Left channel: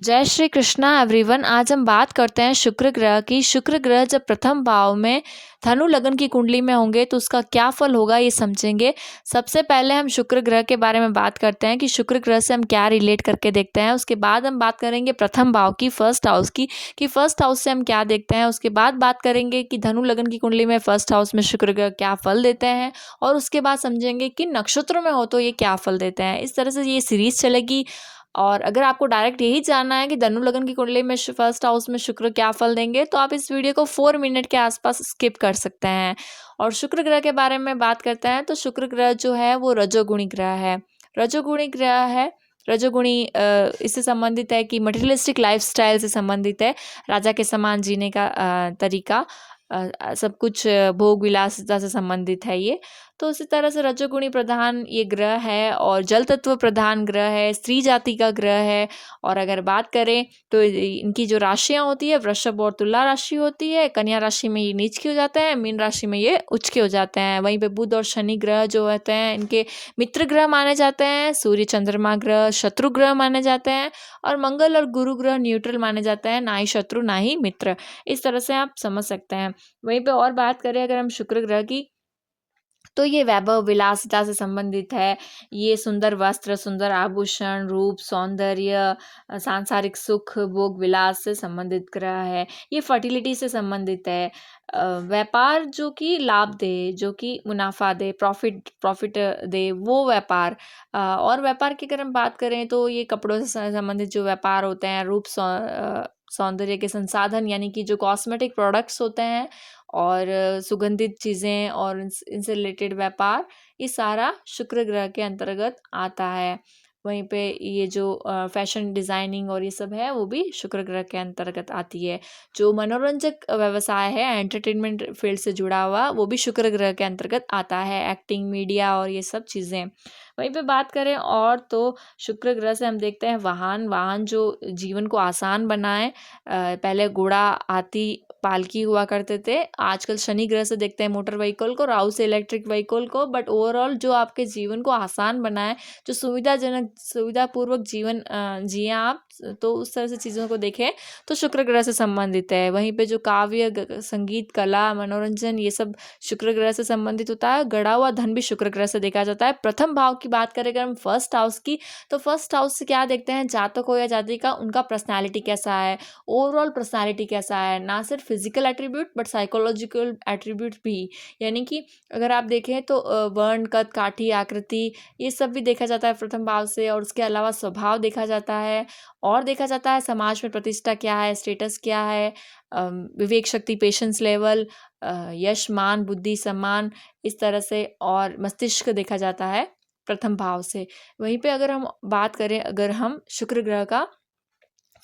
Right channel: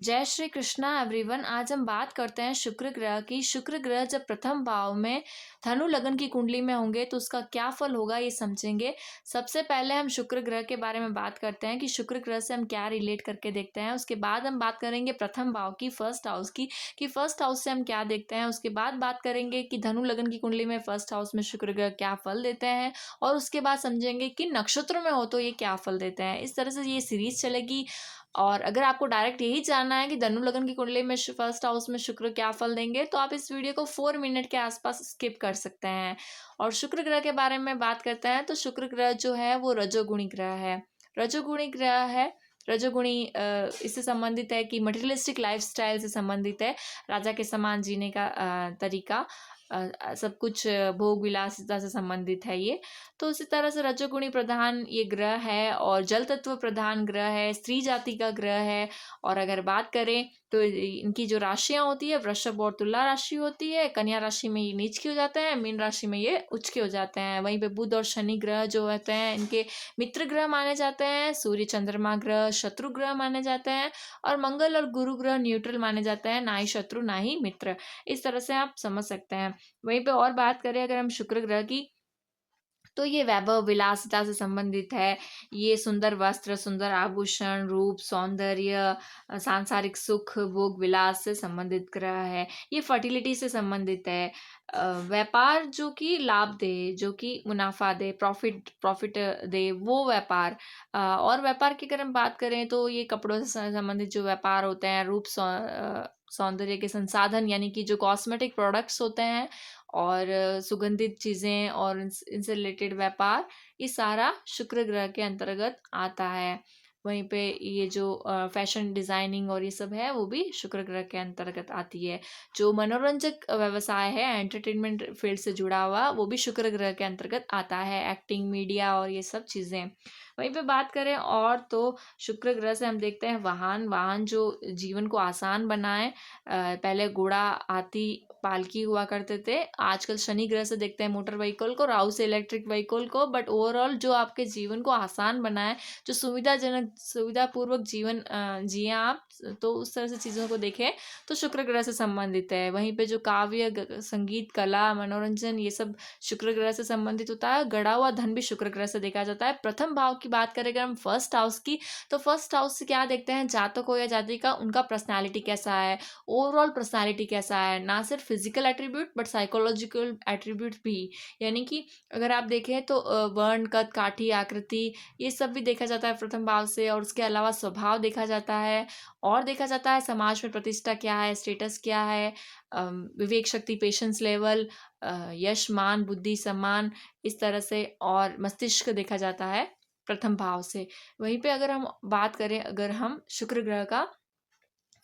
जय श्री कृष्णा एवरीवन। आज हम बात करते हैं शुक्र ग्रह की। शुक्र ग्रह जब प्रथम भाव में धनु लग्न की कुंडली में होंगे तो उसका क्या फल होगा ये समझेंगे। सबसे पहले हम शुक्र ग्रह के बारे में बात करते हैं कि शुक्र ग्रह से हम क्या रिलेट करके देखते हैं। उसके बाद हम बात करेंगे प्रथम भाव की, फर्स्ट हाउस की, कि फर्स्ट हाउस से हम क्या देखते हैं। उसके बाद बात करेंगे कि धनु लग्न की कुंडली में फर्स्ट हाउस में शुक्र ग्रह क्या फल देते हैं, और उसके बाद समझेंगे कि नक्षत्रों में हो तो ये क्या फल देते हैं। इस तरह से ये सीरीज चलेगी। और अगर आपको डायरेक्ट यही जानना है कि धनु लग्न की कुंडली में फर्स्ट हाउस में शुक्र क्या फल देंगे, तो आप इस वीडियो को 4 मिनट के आसपास स्किप कर सकते हैं। और शुक्र ग्रह के बारे में बात करते हैं तो शुक्र ग्रह जो है वो रजोगुणी ग्रह है। रजोगुणी ग्रह है। रजोगुणी इससे संबंधित है कि मटेरियलिस्टिक लाइफस्टाइल से संबंधित है। राजा के समान जीने का तरीका, सब कुछ भोग विलासिता से संबंधित है ये। तो उसी तरह से रजोगुणी प्रधान ये ग्रह है और जल तत्व प्रधान ग्रह है, स्त्री जाति का ग्रह है। और अगर बात करें तो इनकी जो राशियां होती है, वृषभ और तुला राशि होती है। कन्या राशि में ये नीच के हो जाते हैं, मीन राशि में ये उच्च के हो जाते हैं। वहीं पे बुध और शनि ग्रह जो होते हैं इनके मित्र ग्रह माने जाते हैं। सूर्य चंद्रमा ग्रह शत्रु ग्रह माने जाते हैं। और मंगल और गुरु ग्रह न्यूट्रल माने जाते हैं, ना ही शत्रु ना ही मित्र। इस तरह से आप समझ सकते हैं। वहीं पे और बात करें अगर हम शुक्र ग्रह की, तो ये वैभव विलासिता से संबंधित है। ये सुंदर वस्त्र, सुंदर आभूषण, रूप, सौंदर्य, सांसारिक सुख, भोग विलास से संबंधित ग्रह है। ये फर्टिलिटी से संबंधित है। व्यापार जो कि लाभ दे, जो कि मुनाफा दे, प्रॉफिट प्रॉफिट दे, वो व्यापार। और व्यापार की अगर हम बात करें तो ये कपड़ों से संबंधित जो व्यापार होते हैं, रूप सौंदर्य के संसाधन यानी कि जो कॉस्मेटिक प्रोडक्ट्स होते हैं, और सुगंधित चीज़ें और इनसे रिलेटेड व्यापार, ये सारा शुक्र ग्रह के अंतर्गत आता है। वहीं पे ये जो फैशन डिज़ाइनिंग और ये सब है वो भी शुक्र ग्रह के अंतर्गत आती है। जो मनोरंजक व्यवसाय है, एंटरटेनमेंट फील्ड से जुड़ा हुआ, वो भी शुक्र ग्रह के अंतर्गत आता है। एक्टिंग, मीडिया और ये सब चीज़ें। वहीं पे बात करें और तो शुक्र ग्रह से हम देखते हैं वाहन। वाहन जो जीवन को आसान बनाए। पहले घोड़ा, हाथी, पालकी हुआ करते थे। आजकल शनि ग्रह से देखते हैं मोटर व्हीकल को, राहु से इलेक्ट्रिक व्हीकल को। बट ओवरऑल जो आपके जीवन को आसान बनाए, जो सुविधाजनक, सुविधापूर्वक जीवन जिए आप, तो उस तरह से चीज़ों को देखें तो शुक्र ग्रह से संबंधित है। वहीं पे जो काव्य, संगीत, कला, मनोरंजन, ये सब शुक्र ग्रह से संबंधित होता है। गड़ा हुआ धन भी शुक्र ग्रह से देखा जाता है। प्रथम भाव की बात करें अगर हम फर्स्ट हाउस की, तो फर्स्ट हाउस से क्या देखते हैं, जातक हो या जातिका, उनका पर्सनैलिटी कैसा है, ओवरऑल पर्सनालिटी कैसा है। ना सिर्फ physical attribute but psychological attribute भी। यानी कि अगर आप देखें तो वर्ण, कद, काठी, आकृति, ये सब भी देखा जाता है प्रथम भाव से। और उसके अलावा स्वभाव देखा जाता है, और देखा जाता है समाज में प्रतिष्ठा क्या है, स्टेटस क्या है, विवेक शक्ति, पेशेंस लेवल, यश, मान, बुद्धि, सम्मान, इस तरह से। और मस्तिष्क देखा जाता है प्रथम भाव से। वहीं पे अगर हम बात करें, अगर हम शुक्र ग्रह का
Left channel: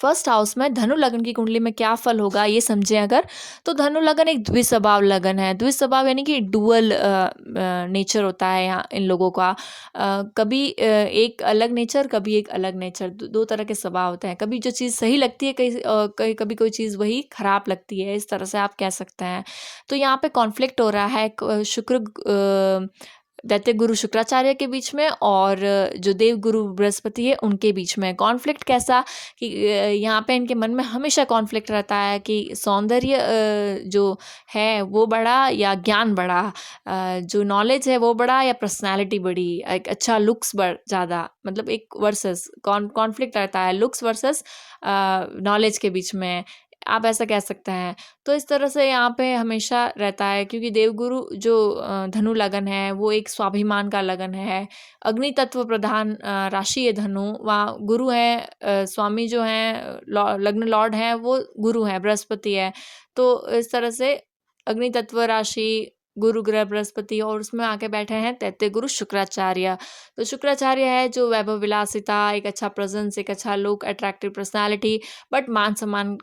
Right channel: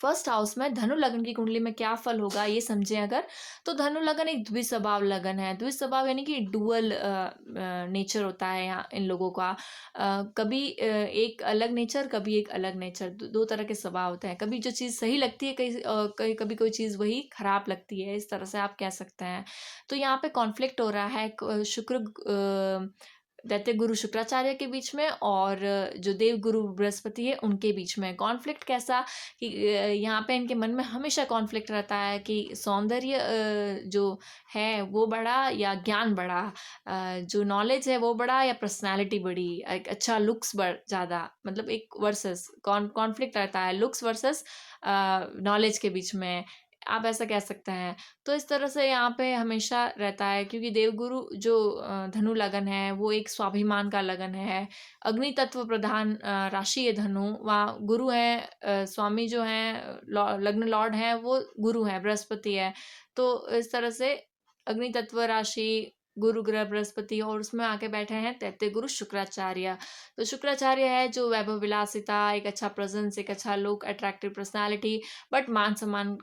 फर्स्ट हाउस में धनु लग्न की कुंडली में क्या फल होगा ये समझें अगर, तो धनु लग्न एक द्विस्वभाव लगन है। द्विस्वभाव यानी कि डुअल नेचर होता है यहाँ इन लोगों का। कभी एक अलग नेचर, कभी एक अलग नेचर, दो तरह के स्वभाव होते हैं। कभी जो चीज़ सही लगती है, कभी कोई चीज़ वही खराब लगती है, इस तरह से आप कह सकते हैं। तो यहाँ पे कॉन्फ्लिक्ट हो रहा है शुक्र दैत्य गुरु शुक्राचार्य के बीच में, और जो देव गुरु बृहस्पति है उनके बीच में। कॉन्फ्लिक्ट कैसा कि यहाँ पे इनके मन में हमेशा कॉन्फ्लिक्ट रहता है कि सौंदर्य जो है वो बड़ा या ज्ञान बड़ा, जो नॉलेज है वो बड़ा या पर्सनालिटी बड़ी, एक अच्छा लुक्स ज़्यादा, मतलब एक वर्सेस कॉन्फ्लिक्ट रहता है लुक्स वर्सेस नॉलेज के बीच में, आप ऐसा कह सकते हैं। तो इस तरह से यहाँ पे हमेशा रहता है, क्योंकि देवगुरु जो धनु लगन है वो एक स्वाभिमान का लगन है। अग्नि तत्व प्रधान राशि है धनु, वहाँ गुरु है, स्वामी जो हैं, लग्न लॉर्ड हैं वो गुरु हैं, बृहस्पति है। तो इस तरह से अग्नि तत्व राशि, गुरु ग्रह बृहस्पति, और उसमें आके बैठे हैं दैत्य गुरु शुक्राचार्य। तो शुक्राचार्य है जो वैभव विलासिता, एक अच्छा प्रेजेंस, एक अच्छा लुक, अट्रैक्टिव पर्सनालिटी, बट मान सम्मान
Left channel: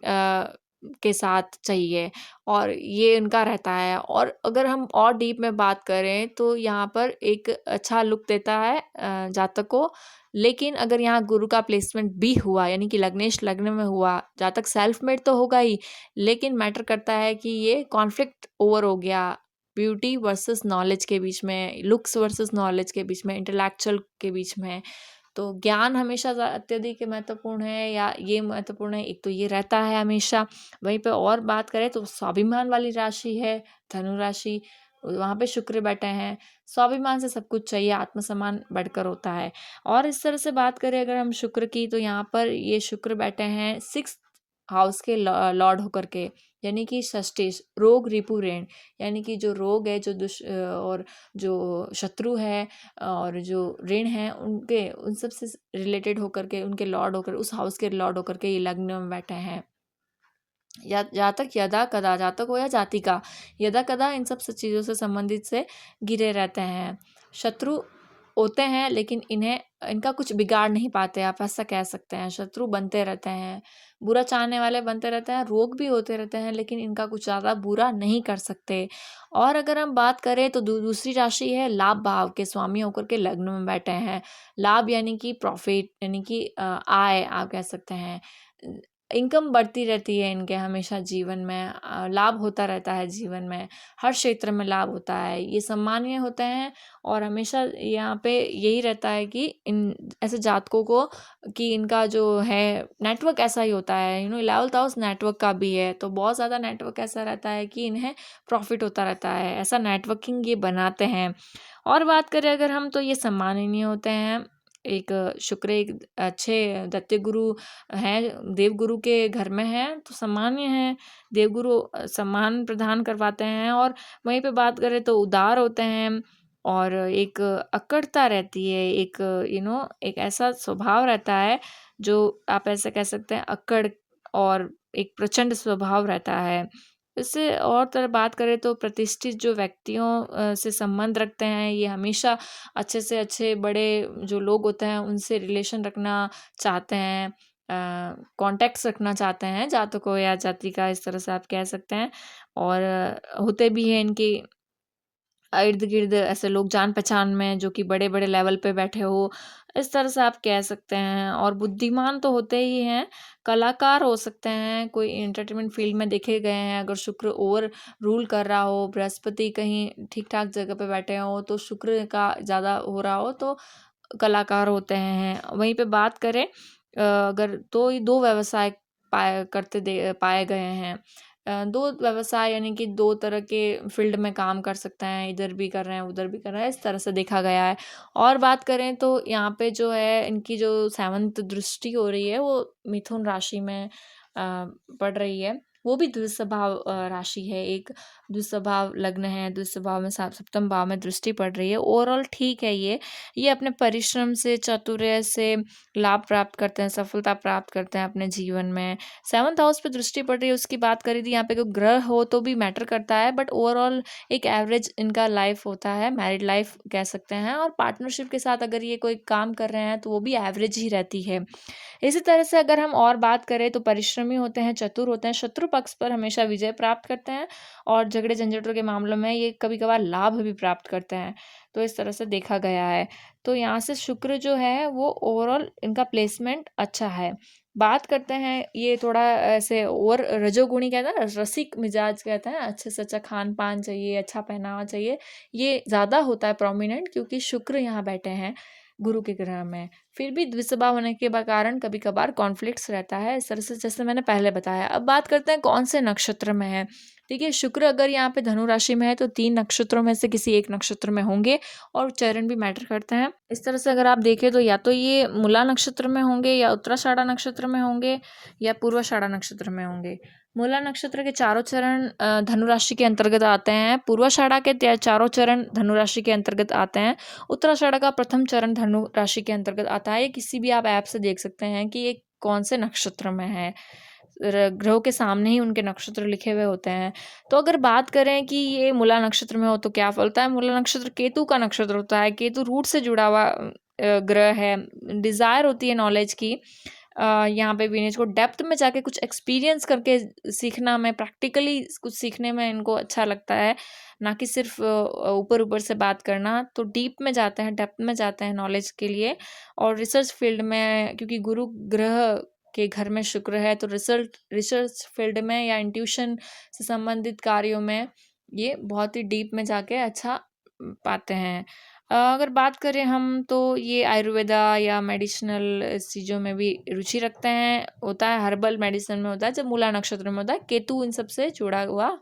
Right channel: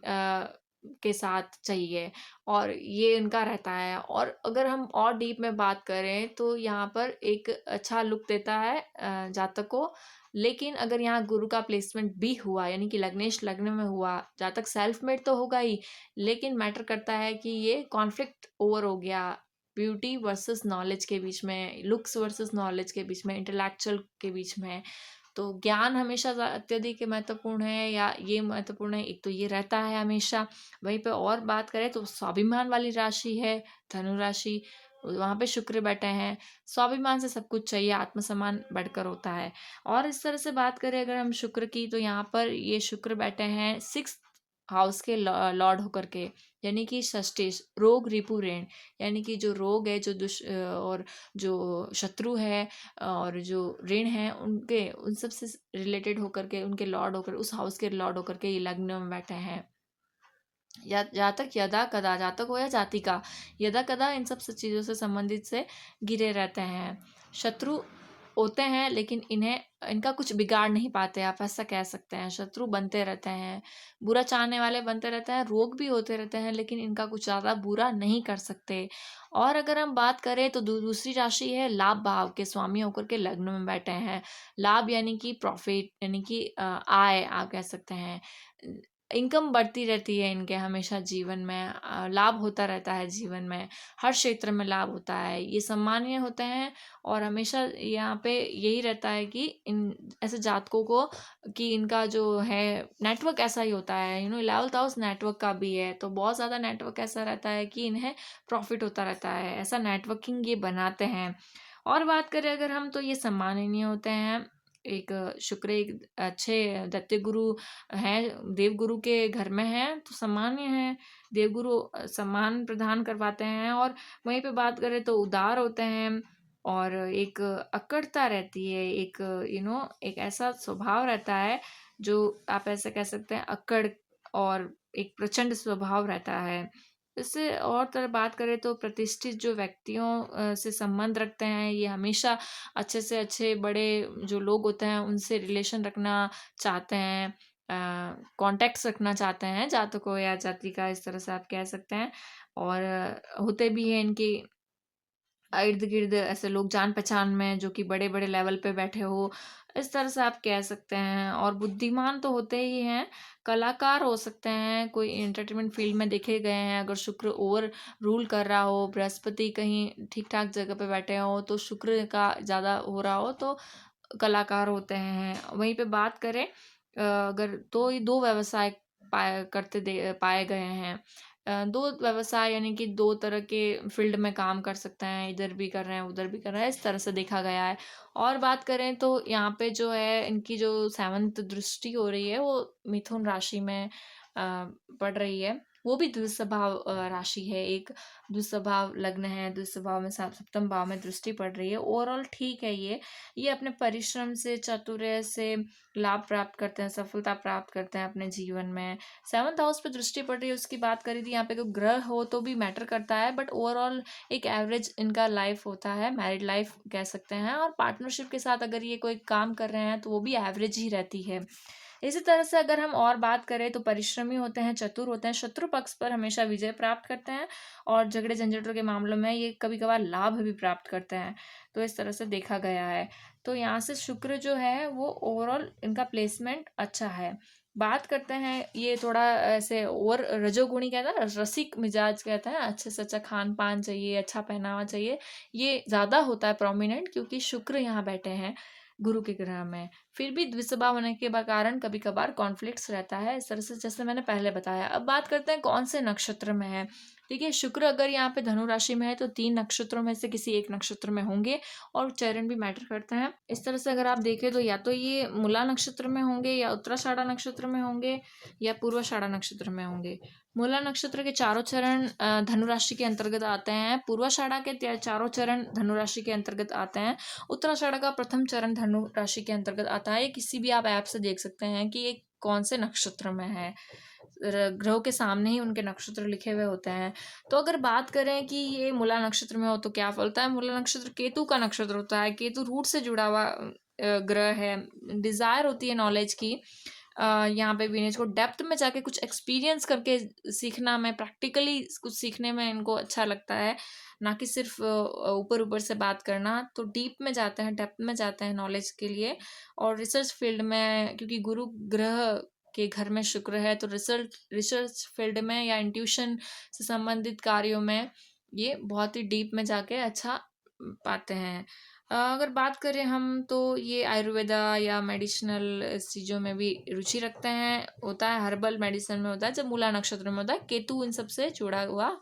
के साथ चाहिए, और ये इनका रहता है। और अगर हम और डीप में बात करें तो यहाँ पर एक अच्छा लुक देता है जातक को। लेकिन अगर यहाँ गुरु का प्लेसमेंट भी हुआ, यानी कि लग्नेश लग्न में हुआ, जातक सेल्फ मेड तो होगा ही, लेकिन मैटर करता है कि ये कॉन्फ्लिक्ट ओवर हो गया ब्यूटी वर्सेस नॉलेज के बीच में, लुक्स वर्सेस नॉलेज के बीच में, इंटेलेक्चुअल के बीच में। तो ज्ञान हमेशा अत्यधिक महत्वपूर्ण है, या ये महत्वपूर्ण है, एक तो ये रहता है हमेशा। वहीं पे और बात करें तो स्वाभिमान वाली राशि है धनु राशि, वहाँ पे शुक्र बैठे हैं। स्वाभिमान से सब कुछ चाहिए, आत्मसम्मान बढ़कर होता है। और इस तरह से बात करें अगर हम शुक्र की, तो यहाँ पर ये शुक्र बैठे हैं 6th हाउस के लॉर्ड होकर के, यानी कि षष्ठी, रोग रिपु ऋण, यानी कि जो रोग है, जो और जो शत्रु है और जो ऋण है, उनके उन सब से रिलेटेड होकर के, उनके लॉर्ड होकर, उस हाउस के लॉर्ड होकर के ये लग्न में बैठे हैं। या जातक यदा कदा, जातक हो या जातिका, यदा कदा इन सब से चीज़ों से संबंधित से घिरे रहते हैं। शत्रु होते हैं लेकिन इन्हें, इनका कुछ बिगाड़ नहीं पाते, आप ऐसा कह सकते हैं। शत्रु बनते रहते हैं, बुरा चाहने वाले बनते रहते हैं, रोग भी होते रहते हैं, लेकिन इनका कुछ ज़्यादा बुरा नहीं कर सकते। और अगर हम बात करें तो दूसरी राशि है लाभ भाव के स्वामी होकर के लग्न में बैठे हैं। लाभ यानी कि प्रॉफिट, यानी कि आय आप कह सकते हैं। इनकम बढ़ती रहती है इनके हमेशा जीवन में, लाभ होता रहता है जीवन में, हर क्षेत्र में लाभ होता है, ये सम्मानीय होते हैं। और हमेशा यहाँ पे यही रहता है कि इन ऐसे जातकों को, कि इनका जो है नेटवर्क ऐसा ही होता है, 11th हाउस नेटवर्क का भी है, तो बहुत ज़्यादा नेटवर्क ऐसा रहता है कि इन्हें प्रॉफिट होता रहता है, ऐसा नेटवर्किंग ये बनाते हैं। और बात करें अगर हम, तो ये सम्माननीय होते हैं। एक शुक्र एक अच्छे दैत्य गुरु हैं, देवगुरु के घर में हैं, तो सामान्य हैं। देवगुरु सम्मान प्रदान करवाते हैं। और वहीं पे बात करें तो उदार होते हैं, और एक अक्कड़ता रहती है, एक एक ऐसा स्वभाव रहता है, जो आप ऐसे कह सकते हैं अक्कड़, और एक प्रचंड स्वभाव रहता है। इससे और तरह बात करें तो प्रतिष्ठित जो व्यक्तियों से संबंध रखते हैं, ये हमेशा अच्छे से अच्छे बड़े जो लोग होते हैं उनसे रिलेशन रखना चाहते हैं, कॉन्टैक्ट्स रखना चाहते हैं, जातकों या जाति का, इस तरह से आप कह सकते हैं। और होते भी हैं इनके इर्द-गिर्द ऐसे लोग जान-पहचान में, जो कि बड़े-बड़े लेवल पे बैठे हो, इस तरह से आप कह सकते हैं। और बुद्धिमान तो होते ही हैं, कलाकार हो सकते हैं, कोई एंटरटेनमेंट फ़ील्ड में देखे गए हैं। अगर शुक्र ओवर रूल कर रहा हो, बृहस्पति कहीं ठीक-ठाक जगह पे बैठे हों, तो शुक्र का ज़्यादा हो रहा हो, तो कलाकार होते हैं। वहीं पे बात करें अगर, तो ये 2 व्यवसाय पाए गए हैं। 2 व्यवसाय यानी कि 2 तरह के फ़ील्ड में काम कर सकते हैं, इधर भी कर रहे हैं, उधर भी कर रहे हैं, इस तरह से देखा गया है। और बात करें तो यहाँ पे जो है इनकी जो 7th दृष्टि हो रही है, वो मिथुन राशि में पड़ रही है। वो भी द्विस्वभाव राशि है, एक द्विस्वभाव लग्न है, द्विस्वभाव में 7वें भाव में दृष्टि पड़ रही है। ओवरऑल ठीक है ये। ये अपने परिश्रम से, चातुर्य से लाभ प्राप्त करते हैं, सफलता प्राप्त करते हैं अपने जीवन में। 7th हाउस पे दृष्टि पड़ रही है, उसकी बात करी थी, यहाँ पे कोई ग्रह हो तो भी मैटर करता है, बट ओवरऑल एक एवरेज इनका लाइफ होता है, मैरिड लाइफ कह सकते हैं। और पार्टनरशिप के साथ अगर ये कोई काम कर रहे हैं तो वो भी एवरेज ही रहती है। इसी तरह से अगर हम और बात करें तो परिश्रमी होते हैं, चतुर होते हैं, शत्रु पक्ष पर हमेशा विजय प्राप्त करते हैं, और झगड़े झंझटों के मामलों में ये कभी कभार लाभ भी प्राप्त करते हैं। तो इस तरह से देखा गया है। तो यहाँ से शुक्र जो है वो ओवरऑल इनका प्लेसमेंट अच्छा है। बात करते हैं, ये थोड़ा ऐसे और रजोगुणी कहते हैं ना, रसिक मिजाज कहते हैं, अच्छे से अच्छा खान पान चाहिए, अच्छा पहनावा चाहिए, ये ज़्यादा होता है प्रोमिनेंट, क्योंकि शुक्र यहाँ बैठे हैं गुरु के ग्रह में। फिर भी द्विस्वभाव होने के कारण कभी कभार कॉन्फ्लिक्ट्स रहता है, इस तरह से जैसे मैंने पहले बताया। अब बात करते हैं कौन से नक्षत्र में है। देखिए, शुक्र अगर यहाँ पे धनु राशि में है तो 3 नक्षत्रों में से किसी एक नक्षत्र में होंगे, और चरण भी मैटर करते हैं। इस तरह से अगर आप देखें तो या तो ये मूला नक्षत्र में होंगे, या उत्तराषाढ़ा नक्षत्र में होंगे, या पूर्वाषाढ़ा नक्षत्र में होंगे। मूला नक्षत्र के चारों चरण धनु राशि के अंतर्गत आते हैं। पूर्वाषाढ़ा के चारों चरण धनु राशि के अंतर्गत आते हैं। उत्तराषाढ़ा का प्रथम चरण धनु राशि के अंतर्गत आता है। ये किसी भी आप ऐप से देख सकते हैं कि ये कौन से नक्षत्र में है। ग्रहों के सामने ही उनके नक्षत्र लिखे हुए होते हैं। तो अगर बात करें कि ये मूला नक्षत्र में हो तो क्या फलता है, मूला नक्षत्र केतु का नक्षत्र होता है। केतु रूट से जुड़ा हुआ ग्रह है। डिज़ायर होती है नॉलेज की। यहाँ पे भी इसको डेप्थ में जाके कुछ एक्सपीरियंस करके सीखना में, प्रैक्टिकली कुछ सीखने में इनको अच्छा लगता है, ना कि सिर्फ ऊपर-ऊपर से बात करना। तो डीप में जाते हैं, डेप्थ में जाते हैं नॉलेज के लिए। और रिसर्च फील्ड में, क्योंकि गुरु ग्रह के घर में शुक्र है, तो रिसर्च फील्ड में या इंट्यूशन से संबंधित कार्यों में ये बहुत ही डीप में जाके अच्छा पाते हैं। अगर बात करें हम तो ये आयुर्वेदा या मेडिसिनल इस चीज़ों में भी रुचि रखते हैं, होता है हर्बल मेडिसिन में होता है, जब मूला नक्षत्र में होता है, केतु इन सब से जुड़ा हुआ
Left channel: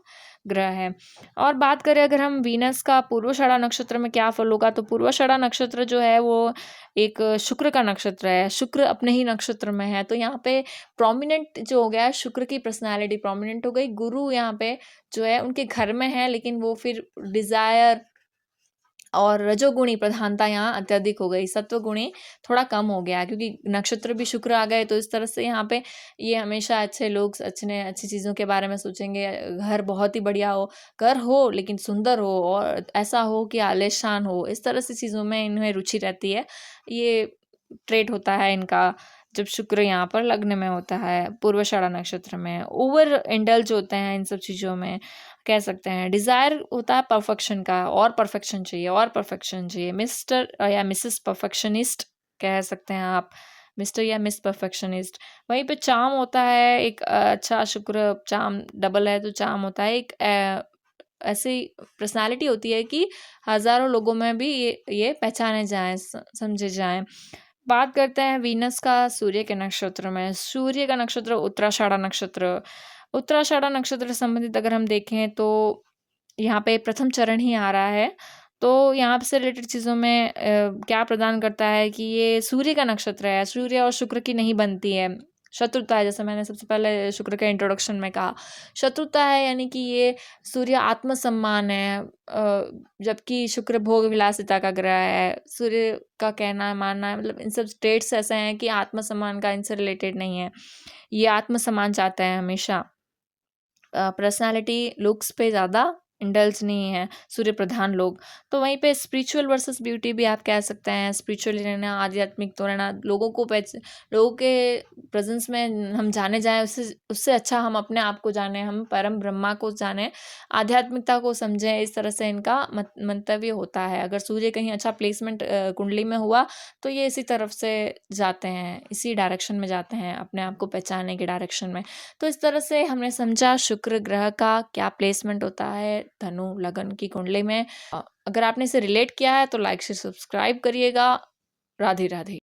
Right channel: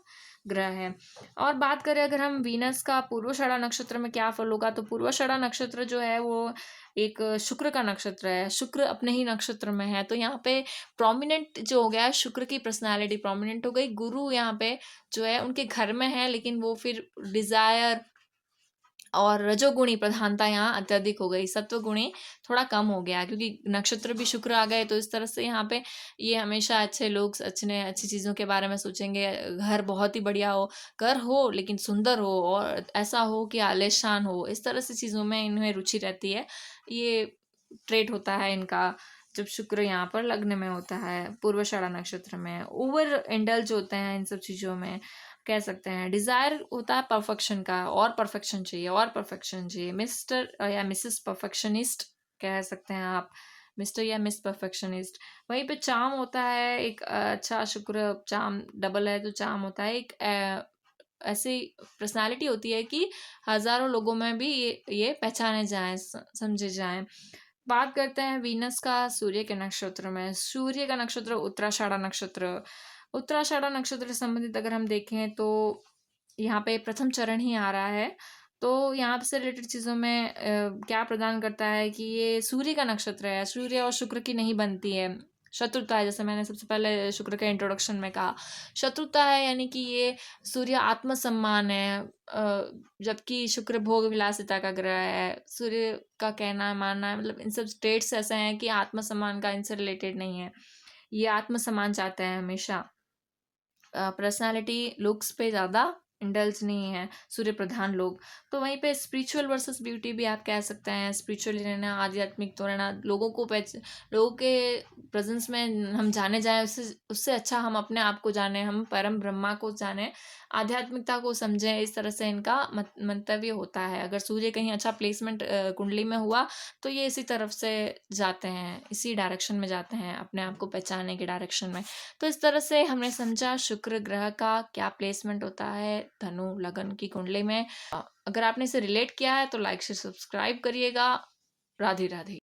ग्रह है। और बात करें अगर हम वीनस का पूर्वाषाढ़ा नक्षत्र में क्या फल होगा, तो पूर्वाषाढ़ा नक्षत्र जो है वो एक शुक्र का नक्षत्र है, शुक्र अपने ही नक्षत्र में है, तो यहाँ पे प्रोमिनेंट जो हो गया शुक्र की पर्सनैलिटी प्रोमिनेंट हो गई, गुरु यहाँ पे जो है उनके घर में है, लेकिन वो फिर डिज़ायर और रजोगुणी प्रधानता यहाँ अत्यधिक हो गई, सत्वगुणी थोड़ा कम हो गया क्योंकि नक्षत्र भी शुक्र आ गए, तो इस तरह से यहाँ पे ये हमेशा अच्छे लोग अच्छी चीज़ों के बारे में सोचेंगे। घर बहुत ही बढ़िया हो, घर हो लेकिन सुंदर हो और ऐसा हो कि आलीशान हो, इस तरह से चीज़ों में इन्हें रुचि रहती है। ये ट्रेट होता है इनका जब शुक्र यहाँ पर लग्न में होता है, पूर्वाषाढ़ा नक्षत्र में। ओवर इंडल्ज होते हैं इन सब चीज़ों में, कह सकते हैं। डिज़ायर होता है परफेक्शन का, और परफेक्शन चाहिए और परफेक्शन चाहिए। मिस्टर या मिसेस परफेक्शनिस्ट कह सकते हैं आप, मिस्टर या मिस परफेक्शनिस्ट। वहीं पे चार्म होता है एक अच्छा शुक्र चार्म डबल है तो चार्म होता है एक ऐसी पर्सनैलिटी होती है कि हज़ारों लोगों में भी ये पहचाने जाएँ, समझे जाएँ। बात करते हैं वीनस का सूर्य के नक्षत्र में। सूर्य का नक्षत्र उत्तराषाढ़ा नक्षत्र। उत्तराषाढ़ा नक्षत्र से संबंधित अगर हम देखें तो यहाँ पे प्रथम चरण ही आ रहा है। तो यहाँ से रिलेटेड चीज़ों में क्या प्रदान करता है कि ये सूर्य का नक्षत्र है, सूर्य और शुक्र की नहीं बनती है। शत्रुता है, जैसे मैंने सबसे पहले शुक्र के इंट्रोडक्शन में कहा। शत्रुता है यानी कि ये सूर्य आत्मसम्मान है, जबकि शुक्र भोग विलासिता का ग्रह है। सूर्य का कहना है, मानना है, मतलब इन सब ट्रेट्स ऐसे हैं कि आत्मसम्मान का इनसे रिलेटेड नहीं है। ये आत्मसम्मान चाहते हैं हमेशा। पर्सनैलिटी लुक्स पे ज़्यादा इंडल्ज नहीं है सूर्य प्रधान लोग। तो वहीं पे स्पिरिचुअल वर्सेस ब्यूटी भी आप कह सकते हैं, स्पिरिचुअली रहना, आध्यात्मिक तो रहना, लोगों के प्रेज़ेंस में हम जाने जाएँ, उससे उससे अच्छा हम अपने आप को जानें, हम परम ब्रह्मा को जानें, आध्यात्मिकता को समझें, इस तरह से इनका मंतव्य होता है। अगर सूर्य कहीं अच्छा प्लेसमेंट कुंडली में हुआ, तो ये इसी तरफ से जाते हैं, इसी डायरेक्शन में जाते हैं, अपने आप को पहचानने के डायरेक्शन में। तो इस तरह से हमने समझा शुक्र ग्रह का क्या प्लेसमेंट होता है धनु लगन की कुंडली में। अगर आपने इसे रिलेट किया है तो लाइक शेयर सब्सक्राइब करिएगा। राधे राधे।